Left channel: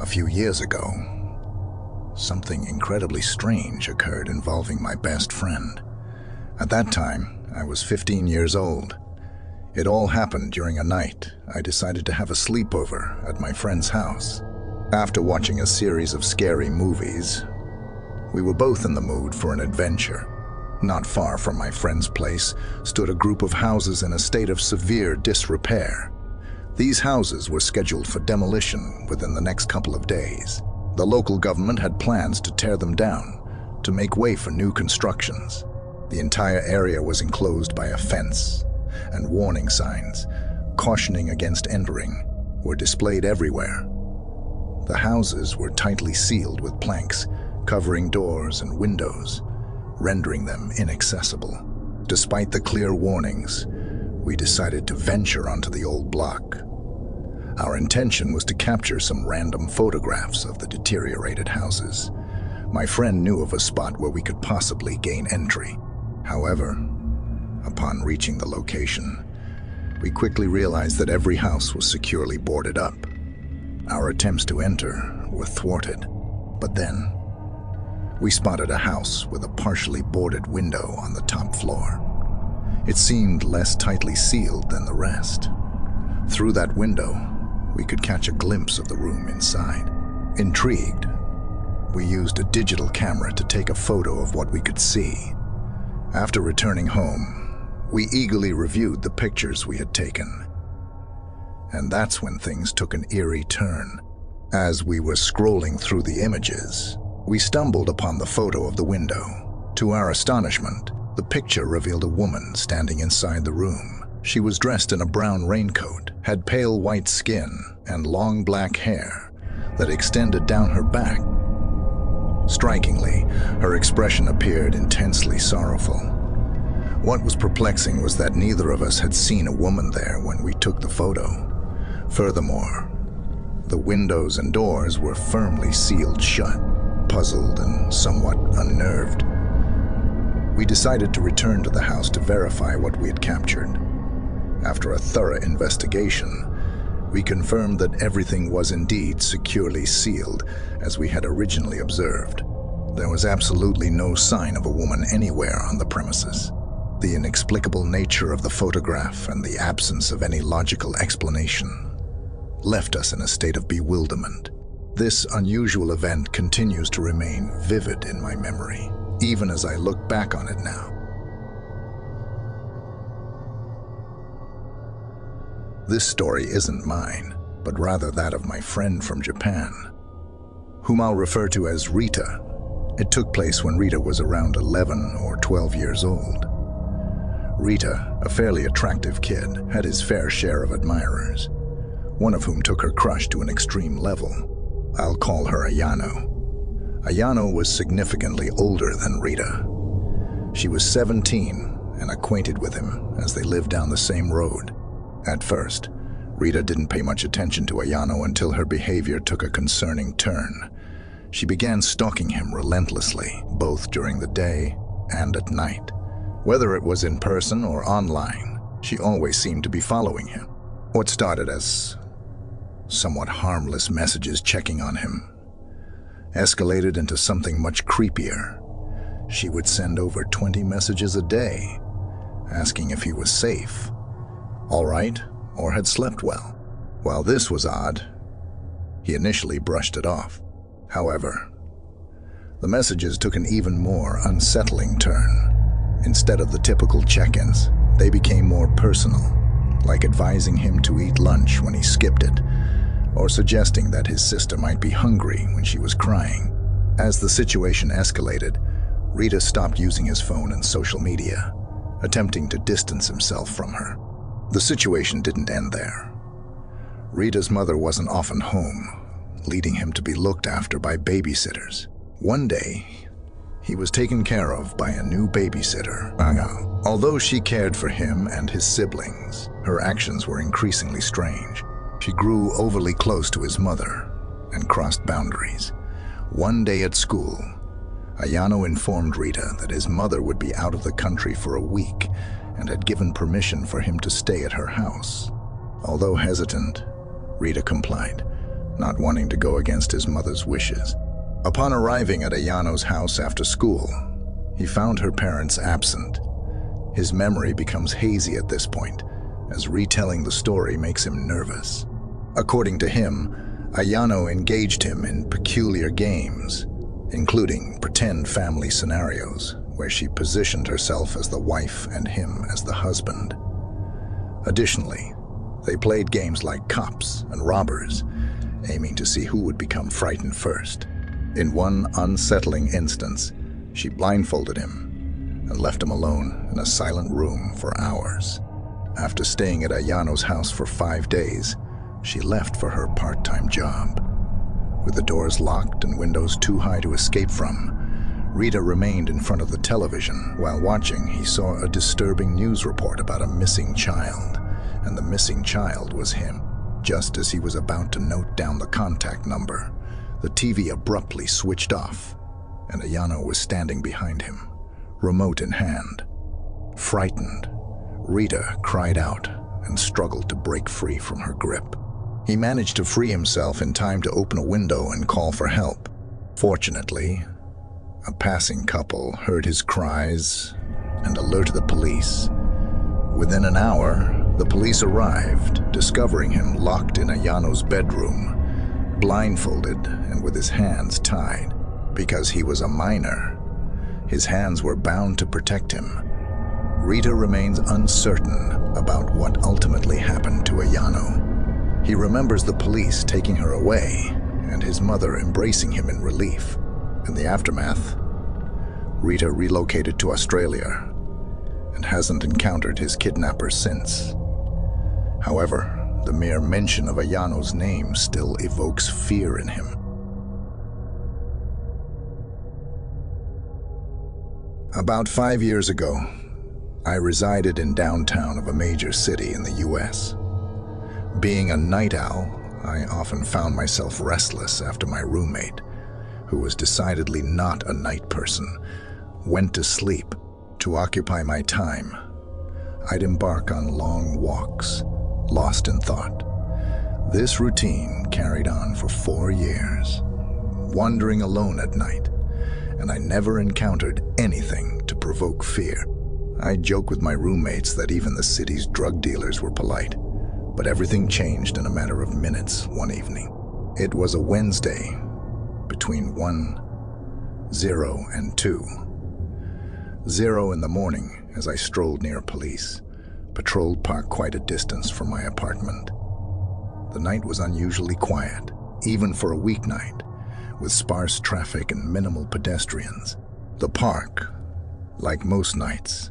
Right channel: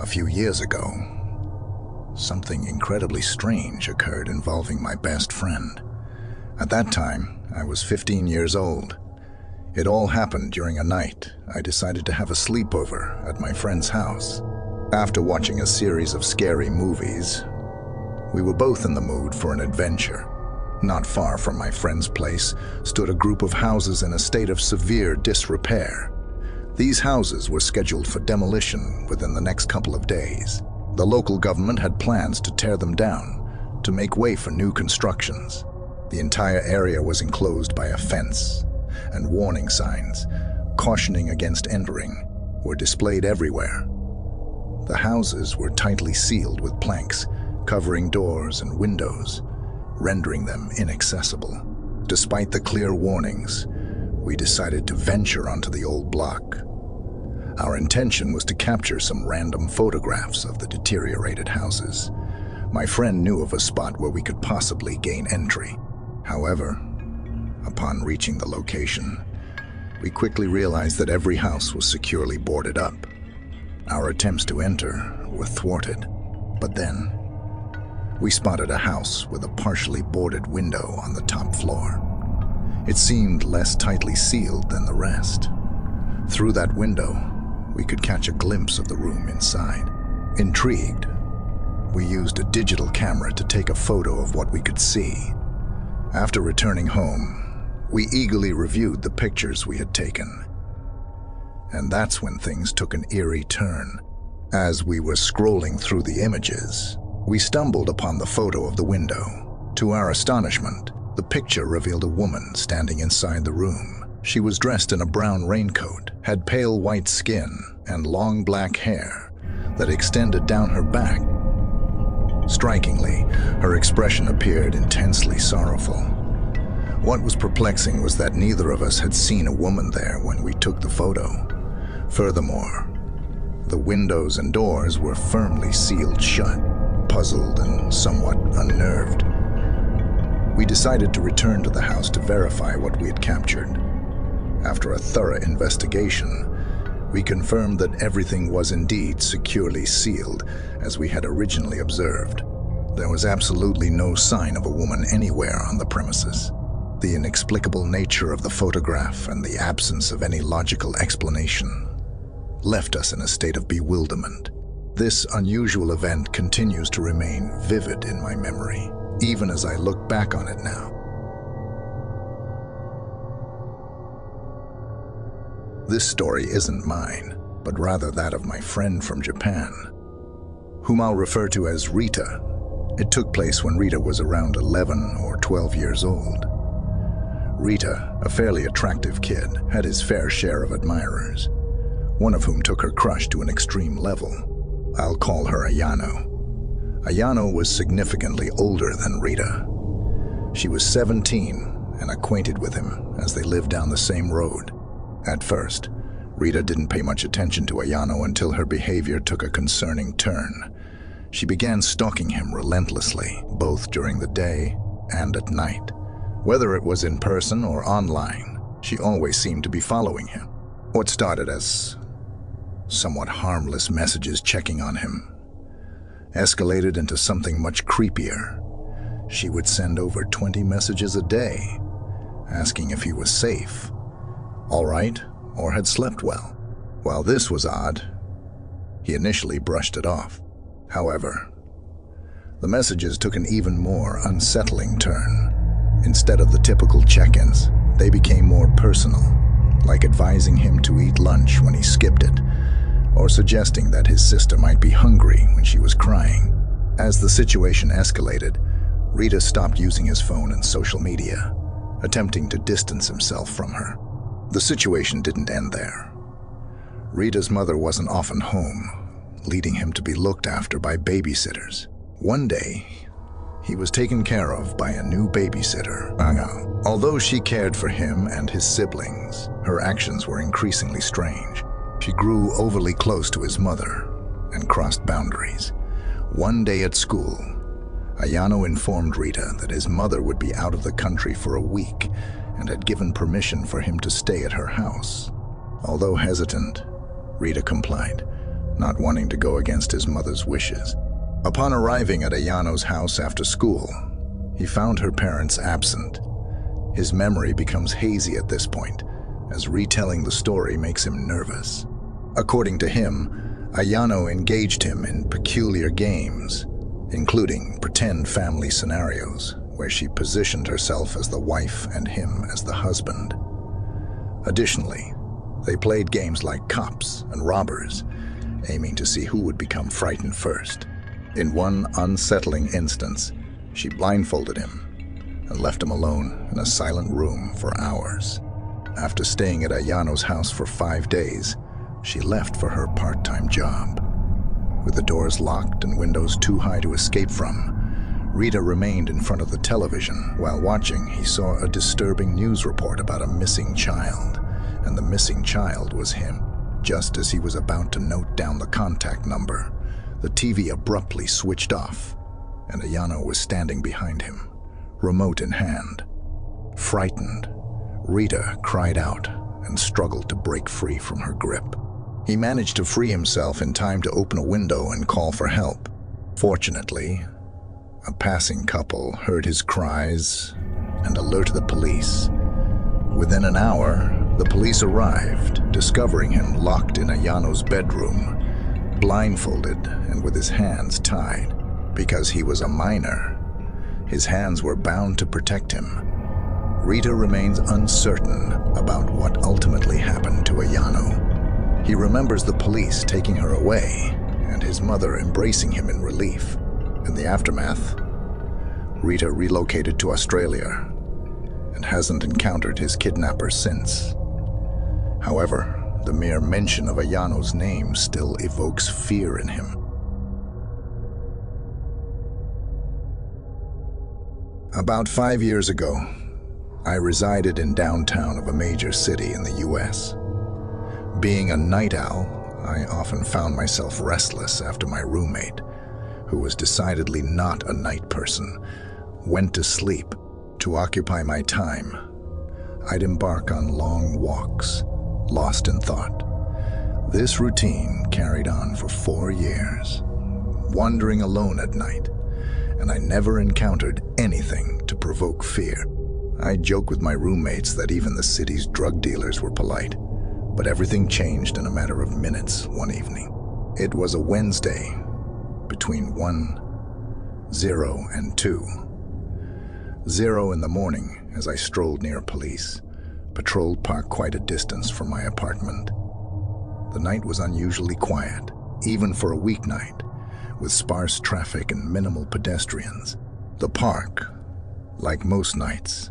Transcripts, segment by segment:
A few years ago, something incredibly strange occurred involving my best friend. At that time, I was 15 years old. It all happened during a night I decided to have a sleepover at my friend's house. After watching a series of scary movies, we were both in the mood for an adventure. Not far from my friend's place stood a group of houses in a state of severe disrepair. These houses were scheduled for demolition within the next couple of days. The local government had plans to tear them down to make way for new constructions. The entire area was enclosed by a fence, and warning signs cautioning against entering were displayed everywhere. The houses were tightly sealed with planks covering doors and windows, rendering them inaccessible. Despite the clear warnings, we decided to venture onto the old block. Our intention was to capture some random photographs of the deteriorated houses. My friend knew of a spot where we could possibly gain entry. However, upon reaching the location, we quickly realized that every house was securely boarded up. Our attempts to enter were thwarted, but then we spotted a house with a partially boarded window on the top floor. It seemed less tightly sealed than the rest. Through that window, we could catch a glimpse of the room inside. Intrigued, we used a digital camera to take a photo of what we could see. After returning home, we eagerly reviewed the pictures we had taken. And that's when things took an eerie turn. As we were scrolling through the images, we stumbled upon the photo of the window. To our astonishment, the picture revealed a woman standing inside the room. She was dressed in a brown raincoat, had pale white skin, and long black hair that extended down her back. Strikingly, her expression appeared intensely sorrowful. What was perplexing was that neither of us had seen a woman there when we took the photo. Furthermore, the windows and doors were firmly sealed shut. Puzzled and somewhat unnerved, we decided to return to the house to verify what we had captured. After a thorough investigation, we confirmed that everything was indeed securely sealed as we had originally observed. There was absolutely no sign of a woman anywhere on the premises. The inexplicable nature of the photograph and the absence of any logical explanation left us in a state of bewilderment. This unusual event continues to remain vivid in my memory, even as I look back on it now. This story isn't mine, but rather that of my friend from Japan, whom I'll refer to as Rita. It took place when Rita was around 11 or 12 years old. Rita, a fairly attractive kid, had his fair share of admirers, one of whom took her crush to an extreme level. I'll call her Ayano. Ayano was significantly older than Rita. She was 17 and acquainted with him as they lived down the same road. At first, Rita didn't pay much attention to Ayano until her behavior took a concerning turn. She began stalking him relentlessly, both during the day and at night. Whether it was in person or online, she always seemed to be following him. What started as somewhat harmless messages checking on him escalated into something much creepier. She would send over 20 messages a day, asking if he was safe, all right, or had slept well. While this was odd, he initially brushed it off. However, the messages took an even more unsettling turn. Instead of the typical check-ins, they became more personal, like advising him to eat lunch when he skipped it, or suggesting that his sister might be hungry when she was crying. As the situation escalated, Rita stopped using his phone and social media, attempting to distance himself from her. The situation didn't end there. Rita's mother wasn't often home, leading him to be looked after by babysitters. One day, he was taken care of by a new babysitter. Although she cared for him and his siblings, her actions were increasingly strange. She grew overly close to his mother and crossed boundaries. One day at school, Ayano informed Rita that his mother would be out of the country for a week and had given permission for him to stay at her house. Although hesitant, Rita complied, not wanting to go against his mother's wishes. Upon arriving at Ayano's house after school, he found her parents absent. His memory becomes hazy at this point, as retelling the story makes him nervous. According to him, Ayano engaged him in peculiar games, including pretend family scenarios, where she positioned herself as the wife and him as the husband. Additionally, they played games like cops and robbers, aiming to see who would become frightened first. In one unsettling instance, she blindfolded him and left him alone in a silent room for hours. After staying at Ayano's house for 5 days, she left for her part-time job. With the doors locked and windows too high to escape from, Rita remained in front of the television. While watching, he saw a disturbing news report about a missing child, and the missing child was him. Just as he was about to note down the contact number, the TV abruptly switched off, and Ayano was standing behind him, remote in hand. Frightened, Rita cried out and struggled to break free from her grip. He managed to free himself in time to open a window and call for help. Fortunately, a passing couple heard his cries and alerted the police. Within an hour, the police arrived, discovering him locked in Ayano's bedroom, blindfolded and with his hands tied. Because he was a minor, his hands were bound to protect him. Rita remains uncertain about what ultimately happened to Ayano. He remembers the police taking her away and his mother embracing him in relief. In the aftermath, Rita relocated to Australia and hasn't encountered his kidnapper since. However, the mere mention of Ayano's name still evokes fear in him. About 5 years ago, I resided in downtown of a major city in the US. Being a night owl, I often found myself restless after my roommate, who was decidedly not a night person, went to sleep. To occupy my time, I'd embark on long walks, lost in thought. This routine carried on for 4 years, wandering alone at night, and I never encountered anything to provoke fear. I joke with my roommates that even the city's drug dealers were polite, but everything changed in a matter of minutes one evening. It was a Wednesday, between 1:0 and 2:0 in the morning, as I strolled near police, patrolled parked quite a distance from my apartment. The night was unusually quiet, even for a weeknight, with sparse traffic and minimal pedestrians. The park, like most nights,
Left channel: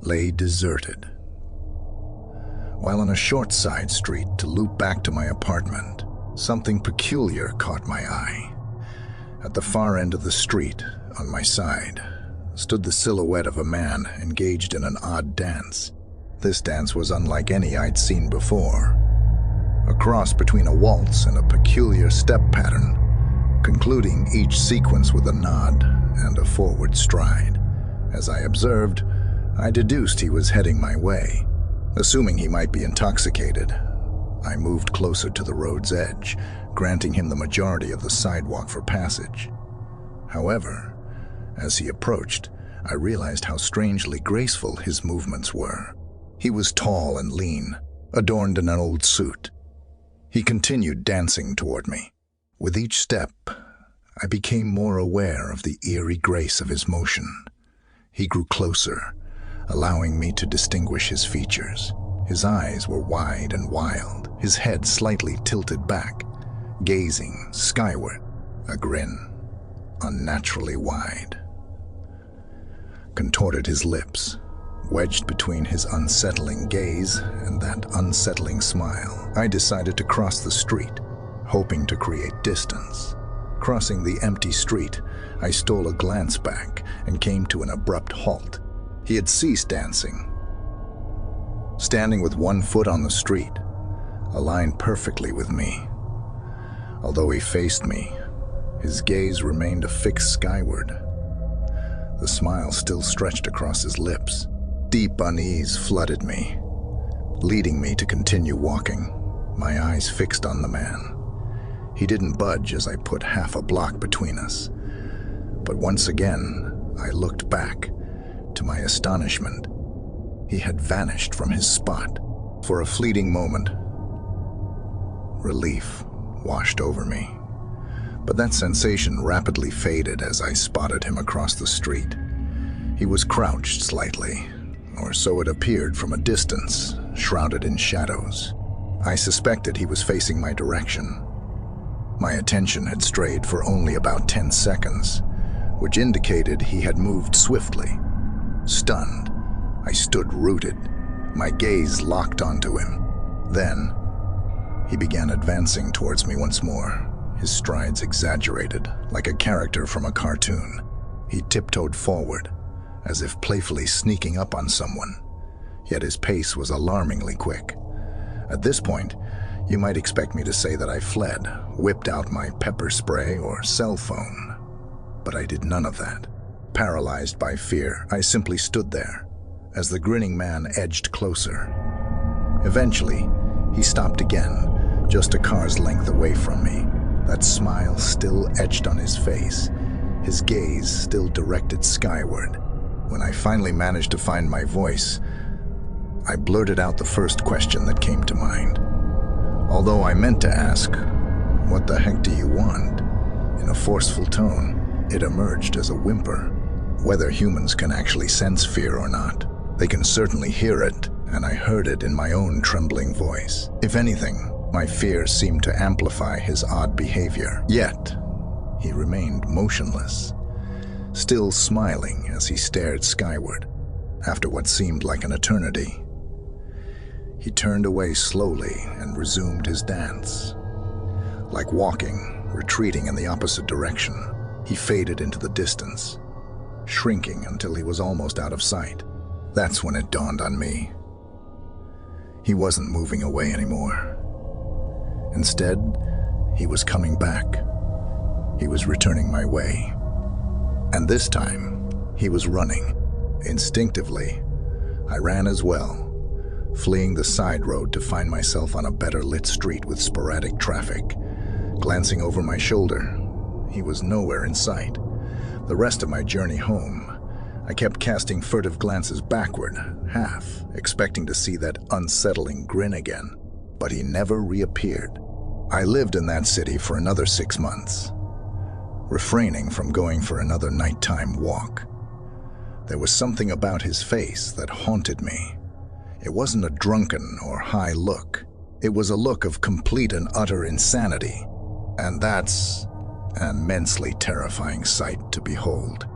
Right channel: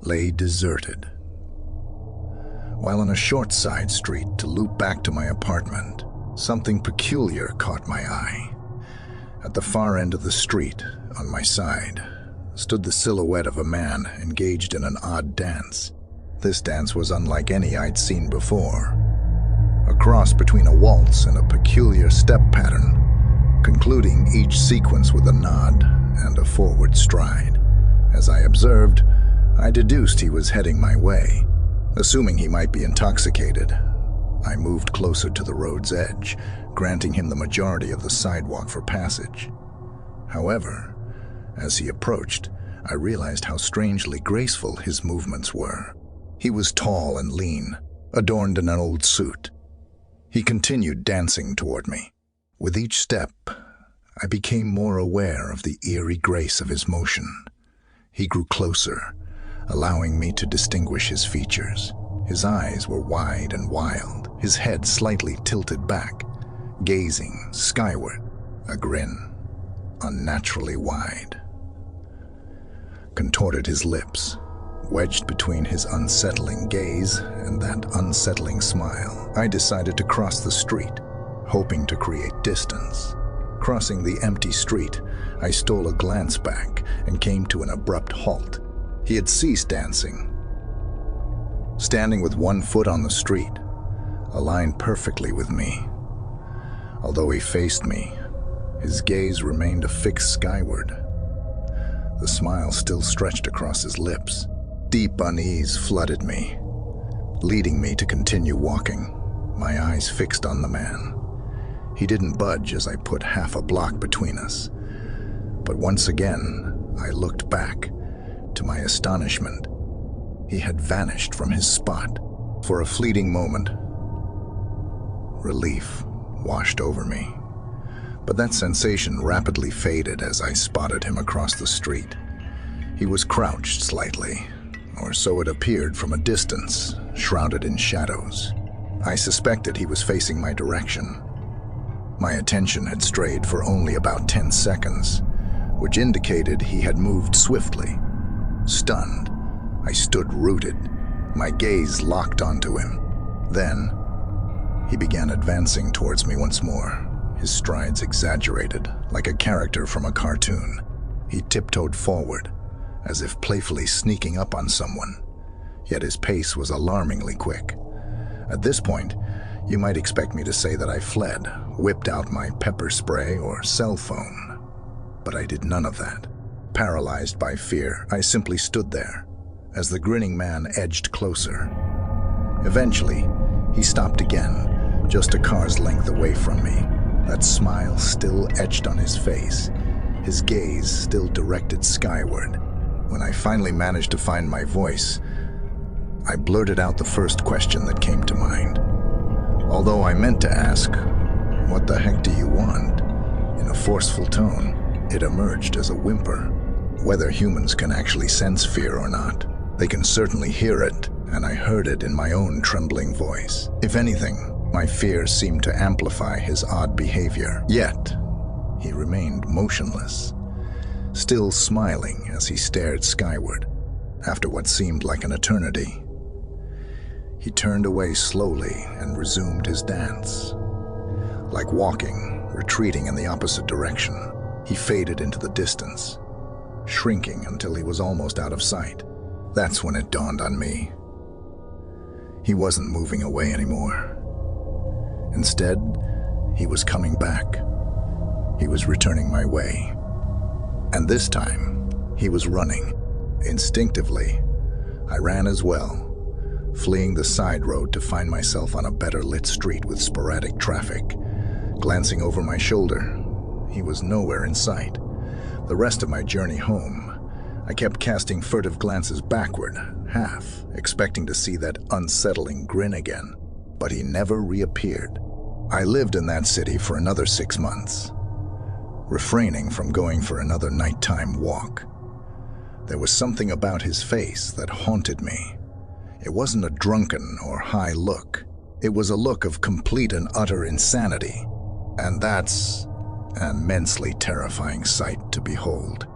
lay deserted. While on a short side street to loop back to my apartment, something peculiar caught my eye. At the far end of the street, on my side, stood the silhouette of a man engaged in an odd dance. This dance was unlike any I'd seen before. A cross between a waltz and a peculiar step pattern, concluding each sequence with a nod and a forward stride. As I observed, I deduced he was heading my way. Assuming he might be intoxicated, I moved closer to the road's edge, granting him the majority of the sidewalk for passage. However, as he approached, I realized how strangely graceful his movements were. He was tall and lean, adorned in an old suit. He continued dancing toward me. With each step, I became more aware of the eerie grace of his motion. He grew closer, allowing me to distinguish his features. His eyes were wide and wild, his head slightly tilted back, gazing skyward. A grin, unnaturally wide, contorted his lips, wedged between his unsettling gaze and that unsettling smile. I decided to cross the street, hoping to create distance. Crossing the empty street, I stole a glance back and came to an abrupt halt. He had ceased dancing, standing with one foot on the street, aligned perfectly with me. Although he faced me, his gaze remained affixed skyward. The smile still stretched across his lips. Deep unease flooded me, leading me to continue walking, my eyes fixed on the man. He didn't budge as I put half a block between us. But once again, I looked back. To my astonishment, he had vanished from his spot. For a fleeting moment, relief washed over me. But that sensation rapidly faded as I spotted him across the street. He was crouched slightly, or so it appeared from a distance, shrouded in shadows. I suspected he was facing my direction. My attention had strayed for only about 10 seconds, which indicated he had moved swiftly. Stunned, I stood rooted, my gaze locked onto him. Then, he began advancing towards me once more, his strides exaggerated, like a character from a cartoon. He tiptoed forward, as if playfully sneaking up on someone, yet his pace was alarmingly quick. At this point, you might expect me to say that I fled, whipped out my pepper spray or cell phone. But I did none of that. Paralyzed by fear, I simply stood there, as the grinning man edged closer. Eventually, he stopped again, just a car's length away from me, that smile still etched on his face, his gaze still directed skyward. When I finally managed to find my voice, I blurted out the first question that came to mind. Although I meant to ask, "What the heck do you want?" in a forceful tone, it emerged as a whimper. Whether humans can actually sense fear or not, they can certainly hear it, and I heard it in my own trembling voice. If anything, my fear seemed to amplify his odd behavior. Yet, he remained motionless, still smiling as he stared skyward. After what seemed like an eternity, he turned away slowly and resumed his dance. Like walking, retreating in the opposite direction, he faded into the distance, shrinking until he was almost out of sight. That's when it dawned on me. He wasn't moving away anymore. Instead, he was coming back. He was returning my way. And this time, he was running. Instinctively, I ran as well, fleeing the side road to find myself on a better lit street with sporadic traffic. Glancing over my shoulder, he was nowhere in sight. The rest of my journey home, I kept casting furtive glances backward, half expecting to see that unsettling grin again, but he never reappeared. I lived in that city for another 6 months, refraining from going for another nighttime walk. There was something about his face that haunted me. It wasn't a drunken or high look. It was a look of complete and utter insanity, and that's an immensely terrifying sight to behold.